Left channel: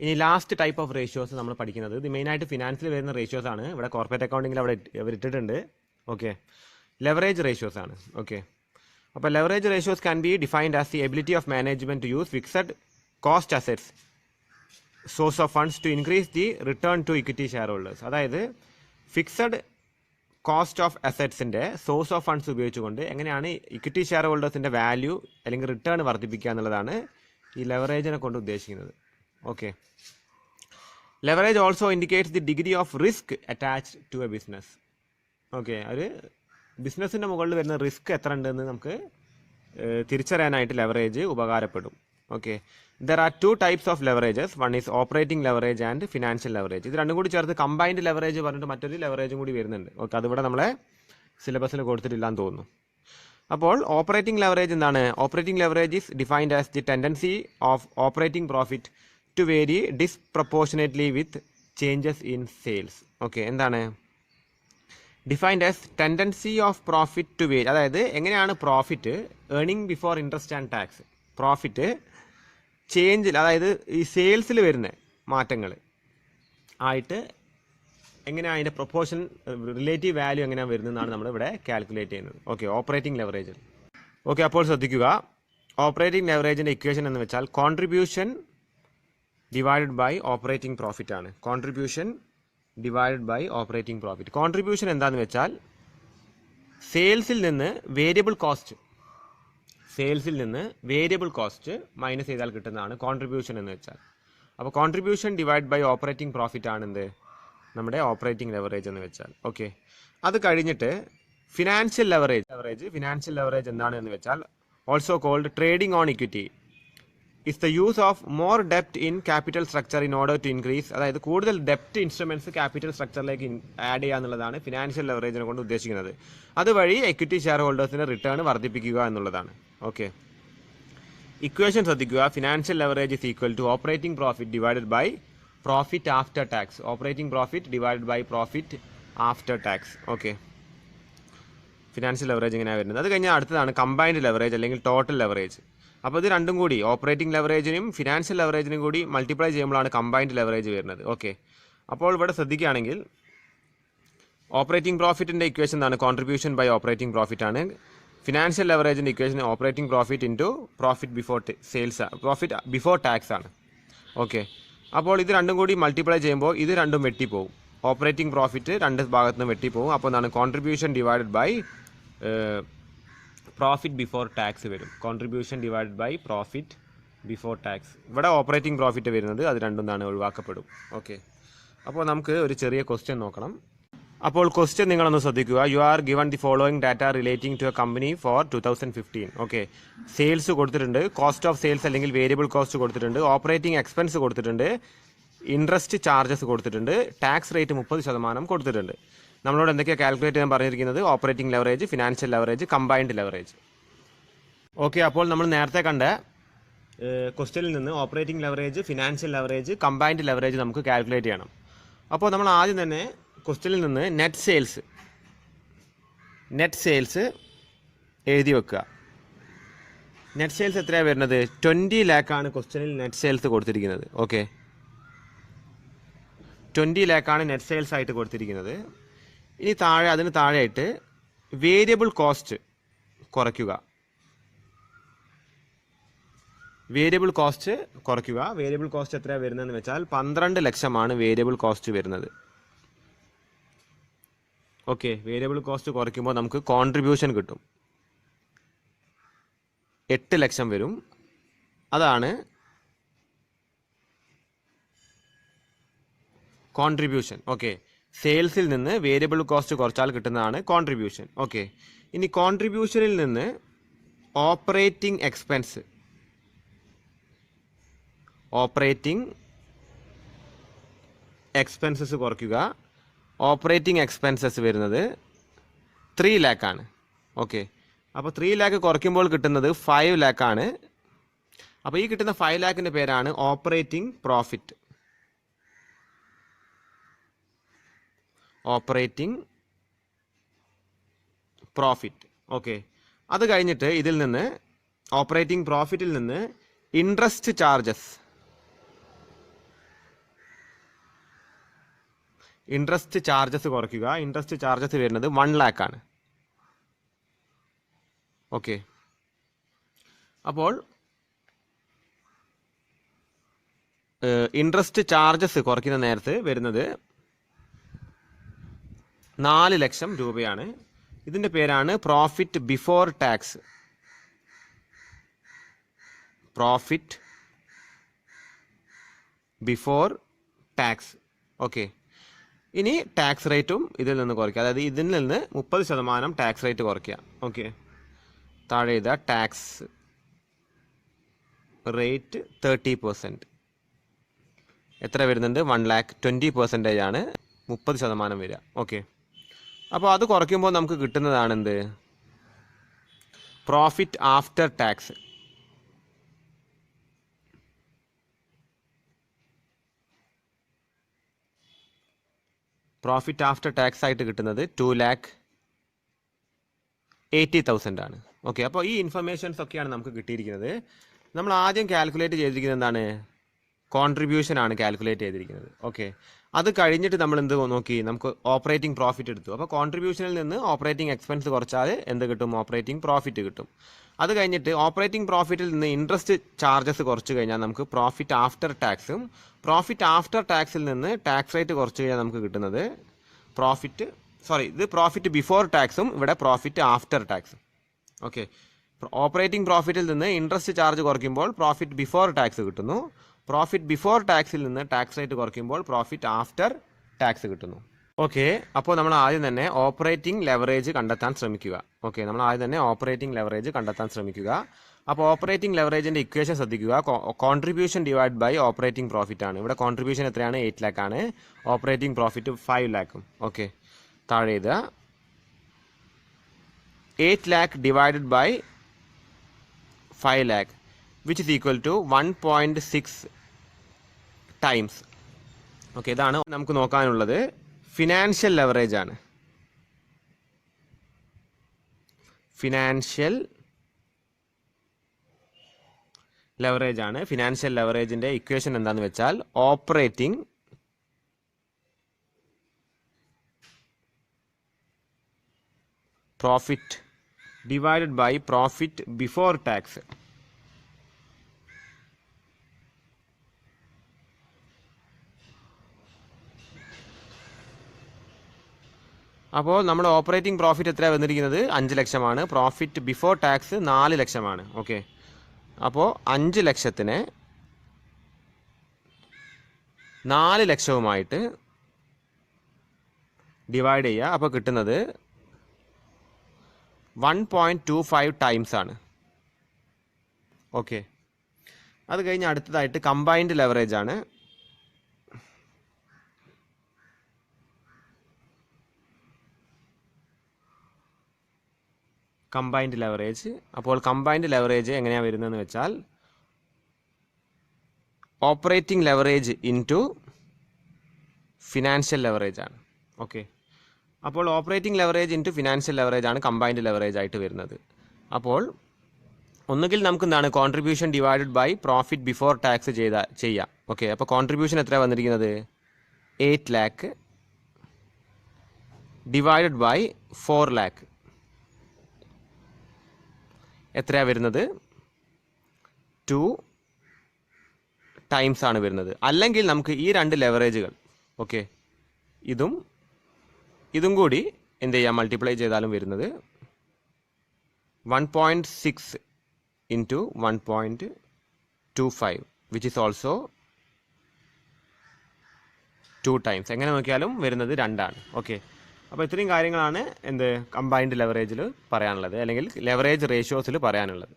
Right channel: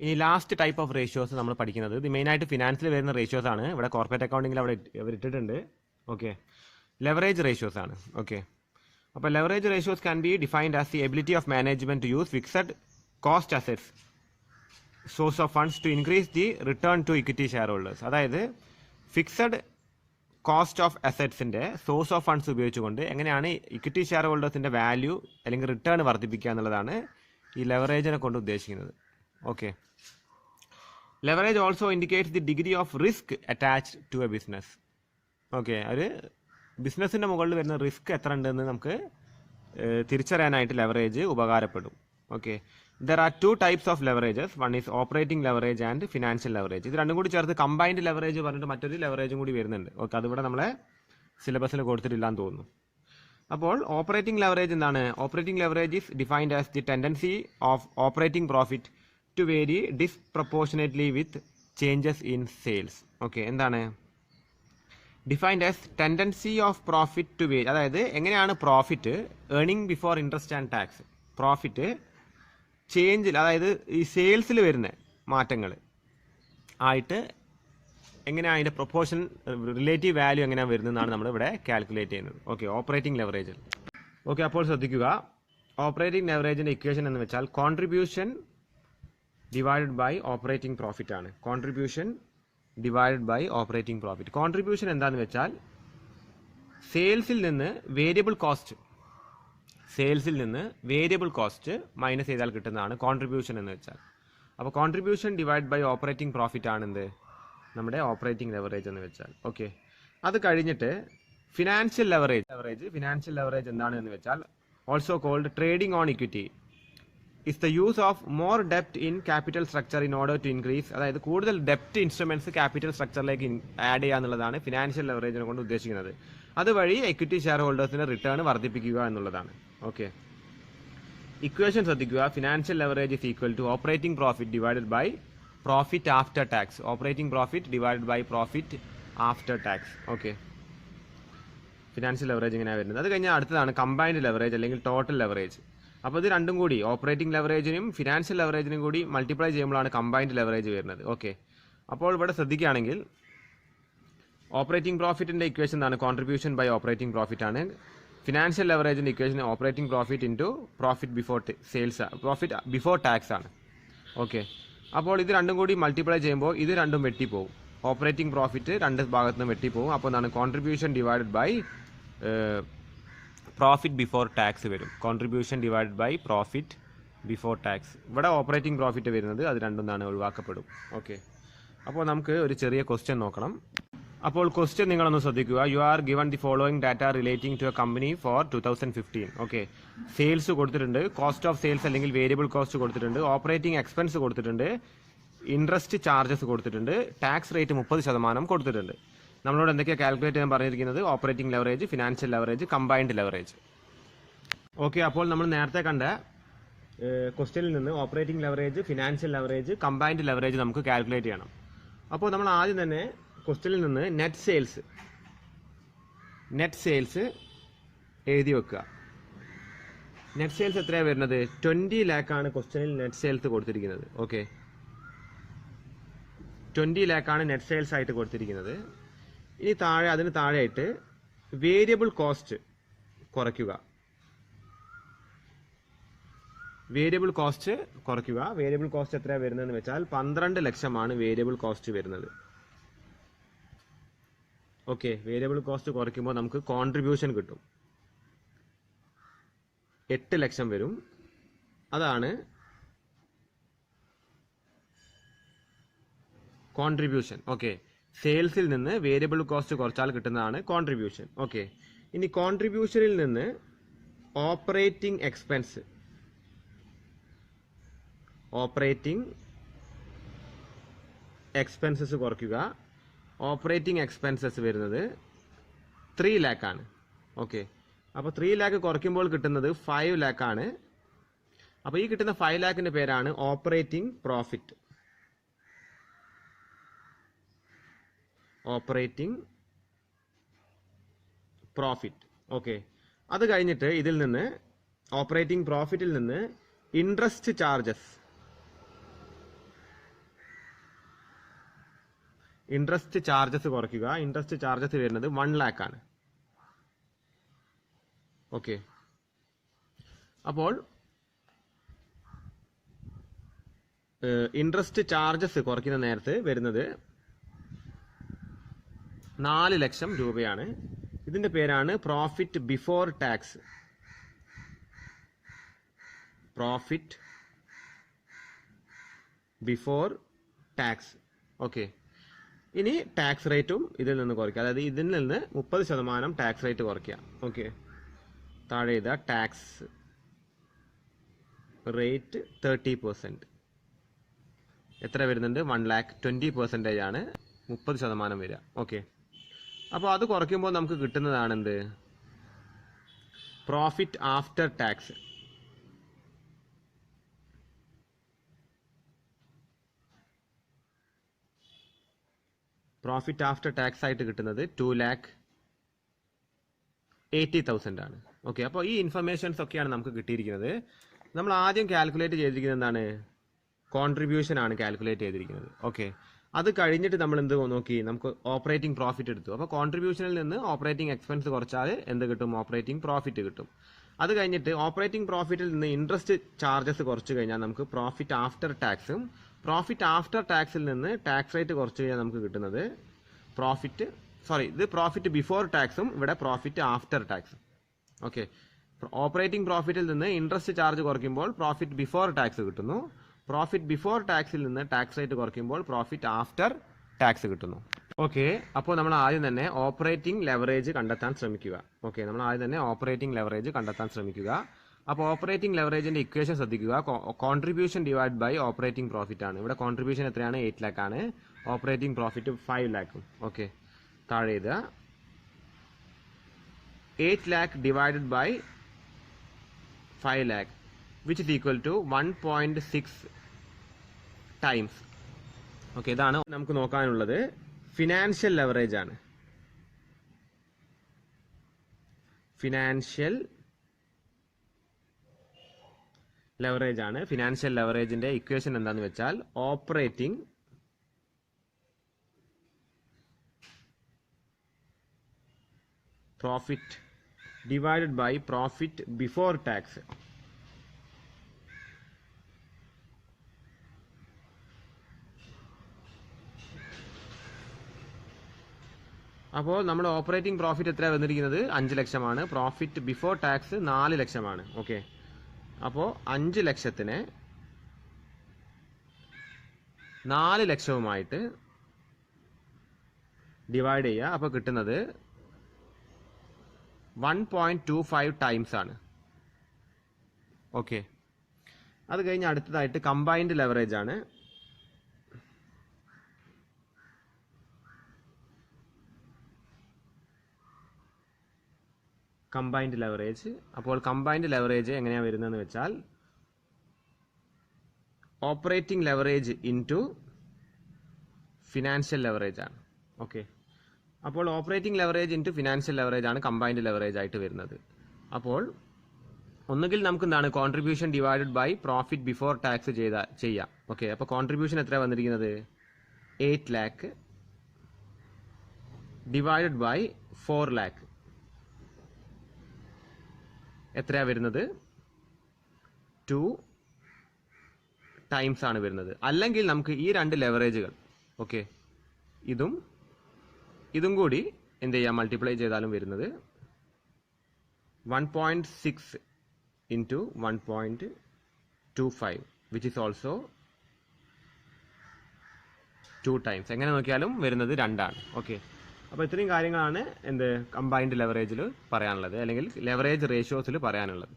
ഇനി last type of ratios നമ്മൾ പഠിക്കുന്നത് ഇത് മെയിനായിട്ട് ഫിനാൻസിൽ വരുന്ന റേഷ്യോസ് ആണ്. ഇവിടെ കോർപ്പറേറ്റ് അക്കൗണ്ടിങ്ങിൽ അവിടെ ഇട്ടിട്ടുണ്ട്. ഓക്കെ, ലെവറേജ് റേഷ്യോസ് ആണ്. ഓക്കെ, അപ്പോൾ leverage ratios can be defined as the ability of management to use fixed cost assets source of funds to increase the return to equity share holders. അതായത് fixed cost of അസറ്റ്സിൻ്റെ source of funds ഉപയോഗിച്ചുകൊണ്ട് എങ്ങനെയാണ് equity share ഹോൾഡേഴ്സിൻ്റെ value അല്ലെങ്കിൽ return വർദ്ധിപ്പിക്കുക എന്നുള്ളതാണ് ഈ ലെവറേജിനെ കൊണ്ട് ഉദ്ദേശിക്കുന്നത്. Okay, leverage also indicates the degree of risk attached to a business. Okay, ഒരു ബിസിനസ്സിൻ്റെ മുകളിൽ വരുന്ന റിസ്ക് എത്ര ഉണ്ടെന്ന് നമുക്ക് തിരിച്ചറിയാനായിട്ട് ലെവറേജ് ഉപകാരപ്പെടും. Okay, there are two types of leverages. One is operating leverage and financial leverage. ഇത് രണ്ടും കൂടി ചേർത്ത് കമ്പൈൻഡ് ലെവറേജ് പറഞ്ഞിട്ട് മറ്റൊരു ലെവറേജും കൂടി വരുന്നുണ്ട്. ഓക്കെ, അതിവിടെ നമ്മളെ സിലബസിൽ കൊടുത്തിട്ടില്ലാന്ന് തോന്നുന്നു. അപ്പോൾ ഓപ്പറേറ്റിംഗ് ലെവറേജ് എന്താണ്? Operating leverage is defined as the tendency of operating profit to vary disproportionately with changes in sales. Okay, എന്താണ് defined as tendency of profit to vary. അതായത് എങ്ങനെയാണ് profit earning before interest and tax profit ചേഞ്ചിൽ, അതായത് ഈ സെയിൽസിൽ വരുന്ന മാറ്റങ്ങൾ ആയിട്ട് എങ്ങനെയാണ് അതിൻ്റെ പ്രൊപ്പോർഷൻ റിലേറ്റീവ് വാല്യൂ എങ്ങനെയാണ് വരുന്നതെന്നാണ് നമ്മളിവിടെ കാൽക്കുലേറ്റ് ചെയ്യുന്നത്. Okay, operating ലെവറേജിൽ. ഓക്കെ, അപ്പോൾ ശ്രദ്ധിക്കുക, ഓപ്പറേറ്റിംഗ് ലെവറേജിൻ്റെ ഇക്വേഷൻ എന്ന് വെച്ചാൽ contribution divided by operating profit ആണ്. Contribution divided by operating profit. Contribution എന്താണെന്ന് വെച്ചാൽ സെയിൽസിൽ നിന്ന് വേരിയബിൾ കോസ്റ്റ് മൈനസ് ചെയ്താൽ കിട്ടുന്നതാണ് കോൺട്രിബ്യൂഷൻ എന്ന് വെച്ചാൽ. അപ്പോൾ contribution divide by operating profit ആണ് എന്ത് നമ്മുടെ ഓപ്പറേറ്റിംഗ് ലെവറേജ് എന്ന് വെച്ചാൽ. ഓക്കെ, അത് കഴിഞ്ഞിട്ട് ഫിനാൻഷ്യൽ ലെവറേജ് എന്താണ് എന്ന് വെച്ചാൽ also called trading on equity is the use of more ഡെപ്റ്റ് in capital structure in order to increase. അതായത് കൂടുതൽ ഡെപ്റ്റ് ഇൻസ്ട്രുമെന്റ്സ് ക്യാപിറ്റൽ സ്ട്രക്ചറിലേക്ക് ആഡ് ചെയ്യുക എന്നുള്ളതാണ് ഫിനാൻഷ്യൽ ലെവറേജിനെ കൊണ്ട് ഉദ്ദേശിക്കുന്നത്. അതുവഴി എക്വിറ്റി ഷെയർ ഹോൾഡേഴ്സിന്റെ റിട്ടേൺ വർദ്ധിപ്പിക്കുക എന്നുള്ളതാണ്. ഓക്കെ, ഇക്വേഷൻ ശ്രദ്ധിക്കുക. Financial leverage is equal to operating profit divided by profit after tax. Operating profit divided by profit after tax. Okay, financial leverage ഇങ്ങനെയാണ് വരുന്നത്. അത് കഴിഞ്ഞാൽ അടുത്തതാണ് കമ്പൈൻഡ് ലെവറേജ് അല്ലെങ്കിൽ ടോട്ടൽ ലെവറേജ്. അപ്പോൾ ഇത് രണ്ടും കൂടി ഓപ്പറേറ്റിംഗ് ലെവറേജിനും ഫിനാൻഷ്യൽ ലെവറേജിനും കൂടി മൾട്ടിപ്ലൈ ചെയ്യുമ്പോഴാണ് കമ്പൈൻഡ് ലെവറേജ് വരുന്നത്. ഓക്കെ, അപ്പോൾ ഇവിടെ ശ്രദ്ധിക്കുകയാണെങ്കിൽ ഓപ്പറേറ്റിംഗ് പ്രോഫിറ്റിൻ്റെ ഇക്വേഷൻ എന്താണ്? കോൺട്രിബ്യൂഷൻ ബൈ ഓപ്പറേറ്റിംഗ് പ്രോഫിറ്റ് ആണ്. ഫിനാൻഷ്യൽ ലെവറേജിൻ്റെ equation operating profit into profit before sales, profit before tax ആണ്. ഓക്കെ, അപ്പോൾ ഇത് രണ്ടും കൂടി മൾട്ടിപ്ലൈ ചെയ്യുമ്പോൾ ഇത് രണ്ടും വെട്ടിപ്പോവും. ഓപ്പറേറ്റിംഗ് പ്രോഫിറ്റ് രണ്ട് ഭാഗത്തു നിന്ന് വെട്ടിപ്പോവും. അപ്പോൾ എന്താണ് contribution divided by profit before tax വരും. Contribution divided by profit before tax. ഇവിടെ ഓപ്പറേറ്റിംഗ് പ്രോഫിറ്റ് വരുന്നത് അത് രണ്ടും എന്താണ് ഒഴിവാക്കപ്പെടും. ഓക്കെ, അപ്പോൾ നമുക്ക് ഒരു ചെറിയ ക്വസ്റ്റ്യൻ നോക്കണം. അപ്പോൾ ക്വസ്റ്റ്യൻ നിങ്ങളൊന്ന് ശ്രദ്ധിക്കുക. You are given the following data relating to a company for 2015. Okay, sales കൊടുത്തിട്ടുണ്ട്, കോസ്റ്റ് ഓഫ് സെയിൽസ് അല്ലെങ്കിൽ വേരിയബിൾ കോസ്റ്റ് കൊടുത്തിട്ടുണ്ട്, ഓപ്പറേറ്റിംഗ് എക്സ്പെൻസ് കൊടുത്തിട്ടുണ്ട്, ഇൻട്രസ്റ്റ് ചാർജസ് കൊടുത്തിട്ടുണ്ട്, ടാക്സ് റേറ്റ് 30% കൊടുത്തിട്ടുണ്ട്. നമ്മളോട് എന്തൊക്കെയാണ് കാൽക്കുലേറ്റ് ചെയ്യാൻ പറഞ്ഞിരിക്കുന്നത്? Operating leverage, financial leverage, combined leverage. Okay, അപ്പോൾ നമ്മൾ നേരത്തെ കണ്ട ക്വസ്റ്റ്യനിൽ നിന്ന് operating leverage, financial leverage, combined leverage നമുക്ക് കാൽക്കുലേറ്റ് ചെയ്യണം. അപ്പോൾ നമ്മൾ ആദ്യം തന്നെ ക്വസ്റ്റ്യനിൽ നിന്ന് നെറ്റ് സെയിൽസ് എഴുതി വെക്കുക. നെറ്റ് സെയിൽസ് എത്രയാണ് വരുന്നത്? 20 ലാഖാണ് ക്വസ്റ്റ്യനിൽ നെറ്റ് സെയിൽസ് കൊടുത്തിരിക്കുന്നത്. ഓക്കെ, 20 ലാഖാണ് നെറ്റ് സെയിൽസ് ആയിട്ട് കൊടുത്തിരിക്കുന്നത്. ഇനി അതിന് താഴെയായിട്ട് വേരിയബിൾ കോസ്റ്റ് കുറയ്ക്കുക. വേരിയബിൾ കോസ്റ്റ് എത്രയാണ് വരുന്നതെന്ന് വെച്ചാൽ 12 ലക്ഷമാണ് വേരിയബിൾ കോസ്റ്റ് വരുന്നത്. ഓക്കെ, വേരിയബിൾ കോസ്റ്റ് കുറയ്ക്കുമ്പോൾ നമുക്ക് കോൺട്രിബ്യൂഷൻ കിട്ടും. 8 ലക്ഷം വരും. അതാണ് കോൺട്രിബ്യൂഷൻ. ഓക്കെ, സെയിൽസിൽ നിന്ന് വേരിയബിൾ കോസ്റ്റ് കുറച്ചാൽ കിട്ടുന്നതാണ് കോൺട്രിബ്യൂഷൻ. ഓക്കെ, ഇനി കോൺട്രിബ്യൂഷനിൽ നിന്ന് ഓപ്പറേറ്റിംഗ് എക്സ്പെൻസസ് കുറയ്ക്കുക. ഓപ്പറേറ്റിംഗ് എക്സ്പെൻസസ് വരുന്നത് 3 ലാഖാണ്. ഓക്കെ, അപ്പോൾ 3 ലാഖ് കുറയ്ക്കുമ്പോൾ കിട്ടുന്നത് 5 ലാഖാണ്. അപ്പോൾ ഈ കിട്ടുന്ന 5 ലാഖിൻ്റെ പേരാണ് ഓപ്പറേറ്റിംഗ് പ്രോഫിറ്റ്. ഓക്കെ, അത് കഴിഞ്ഞിട്ട് ഇതിൽ നിന്ന് ഓപ്പറേറ്റിംഗ് പ്രോഫിറ്റിൽ നിന്ന് ഇൻട്രസ്റ്റ് ചാർജസ് ഇൻട്രസ്റ്റ് ചാർജസ് കുറയ്ക്കുക. ഇൻട്രസ്റ്റ് ചാർജസ് വരുന്നത് 1 lakh ആണ്. ഓക്കെ, അപ്പോൾ ഇൻട്രസ്റ്റ് ചാർജസ് കുറയ്ക്കുന്ന നേരത്ത് വരുന്നത് 4 ലക്ഷം രൂപയാണ്. ഇതിൻ്റെ പേരാണ് profit before tax. Profit before tax. Okay, ഇനി ടാക്സ് റേറ്റും ഇതിൽ നിന്ന് കുറയ്ക്കുക. അതായത് ഇതിൽ നിന്ന് 30% ടാക്സ് റേറ്റ് കുറയ്ക്കുക. ഓക്കെ, താഴെ ഇതാ ടാക്സ് റേറ്റ് 30%. എത്ര വരുന്നുണ്ട്? 1,20,000 ആണ് 30% വരിക. ഓക്കെ, അപ്പോൾ അത് കുറയ്ക്കുമ്പോൾ നമുക്ക് കിട്ടുന്നതാണ് എന്ത്? Profit after tax. Profit after tax ആയിട്ട് കിട്ടുന്നത് 2,80,000 ആണ്. ഓക്കെ, അപ്പോൾ ഈ ഇൻഫർമേഷൻസ് ഒക്കെയാണ് നമുക്ക് കിട്ടിയിരിക്കുന്നത്. നമ്മൾ ആദ്യം കാൽക്കുലേറ്റ് ചെയ്തിരിക്കുന്നത് എന്താണ്? കോൺട്രിബ്യൂഷൻ ആണ് കാൽക്കുലേറ്റ് ചെയ്തിരിക്കുന്നത്. ഓക്കെ, അത് കഴിഞ്ഞിട്ട് നമ്മൾ എന്ത് നോക്കി? നമുക്ക് ഓപ്പറേറ്റിംഗ് പ്രോഫിറ്റ് എടുത്തു. അപ്പോൾ കോൺട്രിബ്യൂഷനിൽ നിന്ന് ഓപ്പറേറ്റിംഗ് എക്സ്പെൻസ് കുറച്ചാൽ എന്ത് കിട്ടും? ഓപ്പറേറ്റിംഗ് പ്രോഫിറ്റ് കിട്ടും. അത് കഴിഞ്ഞിട്ട് ഓപ്പറേറ്റിംഗ് പ്രോഫിറ്റിൽ നിന്ന് ഇൻട്രസ്റ്റ് ചാർജസ് കുറച്ച് കഴിഞ്ഞാൽ നമുക്ക് പ്രോഫിറ്റ് ആഫ്റ്റർ ടാക്സും, പ്രോഫിറ്റ് ആഫ്റ്റർ ടാക്സിൽ നിന്ന് ടാക്സ് റേറ്റ് കുറച്ച് കഴിഞ്ഞാൽ നമുക്ക് കിട്ടുന്നത് ഇത് പ്രോഫിറ്റ് ബിഫോർ ടാക്സും ഇവിടെ പ്രോഫിറ്റ് ആഫ്റ്റർ ടാക്സും. ഓക്കെ, ഓപ്പറേറ്റിംഗ് പ്രോഫിറ്റിൽ നിന്ന് ഇൻട്രസ്റ്റ് ചാർജ് കുറയ്ക്കുമ്പോൾ പ്രോഫിറ്റ് ബിഫോർ ടാക്സ് കിട്ടുന്നു. പ്രോഫിറ്റ് ബിഫോർ ടാക്സിൽ നിന്ന് ടാക്സ് റേറ്റ് കുറയ്ക്കുമ്പോൾ പ്രോഫിറ്റ് ആഫ്റ്റർ ടാക്സ് കിട്ടുന്നു. ഓക്കെ, അപ്പോൾ നമ്മൾ ആദ്യം തന്നെ ഓപ്പറേറ്റിംഗ് ലെവറേജ് കണ്ടെത്താൻ ശ്രമിക്കുക. അപ്പോൾ ഓപ്പറേറ്റിംഗ് ലെവറേജിൻ്റെ ഇക്വേഷൻ ശ്രദ്ധിക്കുക. Contribution divide by operating profit ആണ്. ഇവിടെ കോൺട്രിബ്യൂഷൻ എത്രയാണ്? 8 lakh ആണ്. Operating profit 5 lakh. ഓക്കെ, താഴെ ഇത് 8 lakh divided by 5 lakh which is equal to 1.6 times. Okay, ഇതാണ് നമുക്ക് നോക്കാനുള്ളത്. ഫിനാൻഷ്യൽ ലെവറേജ് ആണ്. ഫിനാൻഷ്യൽ ലെവറേജിന്റെ ഇക്വേഷൻ എന്താണെന്ന് വെച്ചാൽ operating profit divided by profit before tax. അപ്പോൾ നമ്മൾ ഓപ്പറേറ്റിംഗ് പ്രോഫിറ്റ് എത്രയാണ് വന്നിരിക്കുന്നത്? 5 ലക്ഷമാണ്. പ്രോഫിറ്റ് ബിഫോർ ടാക്സ് 4 ലക്ഷമാണ്. ഓക്കെ, അപ്പോൾ 5 ലക്ഷത്തിനെ 4 ലക്ഷവുമായിട്ട് ഡിവൈഡ് ചെയ്യുക. അപ്പോൾ കിട്ടുന്നത് 1.25 ടൈംസ് ആണ്. ഓക്കെ, അത് കഴിഞ്ഞ് അടുത്തതായിട്ട് കമ്പൈൻഡ് ലെവറേജ് ആണ്. Combined leverage. അപ്പോൾ കമ്പൈൻഡ് ലെവറേജ് എങ്ങനെയാണ് വരുന്നതെന്ന് വെച്ചാൽ operating leverage into financial leverage ആണ്. ഓക്കെ, അപ്പോൾ operating leverage into financial leverage ആണ് കമ്പൈൻഡ് ലെവറേജ് ആയിട്ട് വരുന്നത്. അപ്പോൾ ഒന്നുകിൽ നമുക്ക് എന്താണ് contribution divided by profit before tax ചെയ്യാം. ഓക്കെ, അപ്പോൾ കോൺട്രിബ്യൂഷൻ എത്രയാണ് വന്നിരിക്കുന്നത്? 8 lakh ഡിവൈഡഡ് ബൈ 4 lakh എത്രയാണ് വരുന്നത്? 2 ടൈംസ് ആണ് വരുന്നത്. അല്ലെങ്കിൽ നമുക്ക് ഈ 2 ലെവറേജുകൾ, ഓക്കെ, ഇതും കൂടി എന്ത് ചെയ്യാം? മൾട്ടിപ്ലൈ ചെയ്താലും വരുന്നത് 1.6 into 1.25 which is also 2 times. എങ്ങനെ നോക്കിയാലും വരുന്നത് 2 ആണ്. ഓക്കെ, അപ്പോൾ ഇത്രയും കാര്യങ്ങളാണ് കമ്പൈൻഡ് ലെവറേജിൽ പറയാനുള്ളത്, അല്ലെങ്കിൽ ലെവറേജ് റേഷ്യോസിൽ പറയാനുള്ളത്.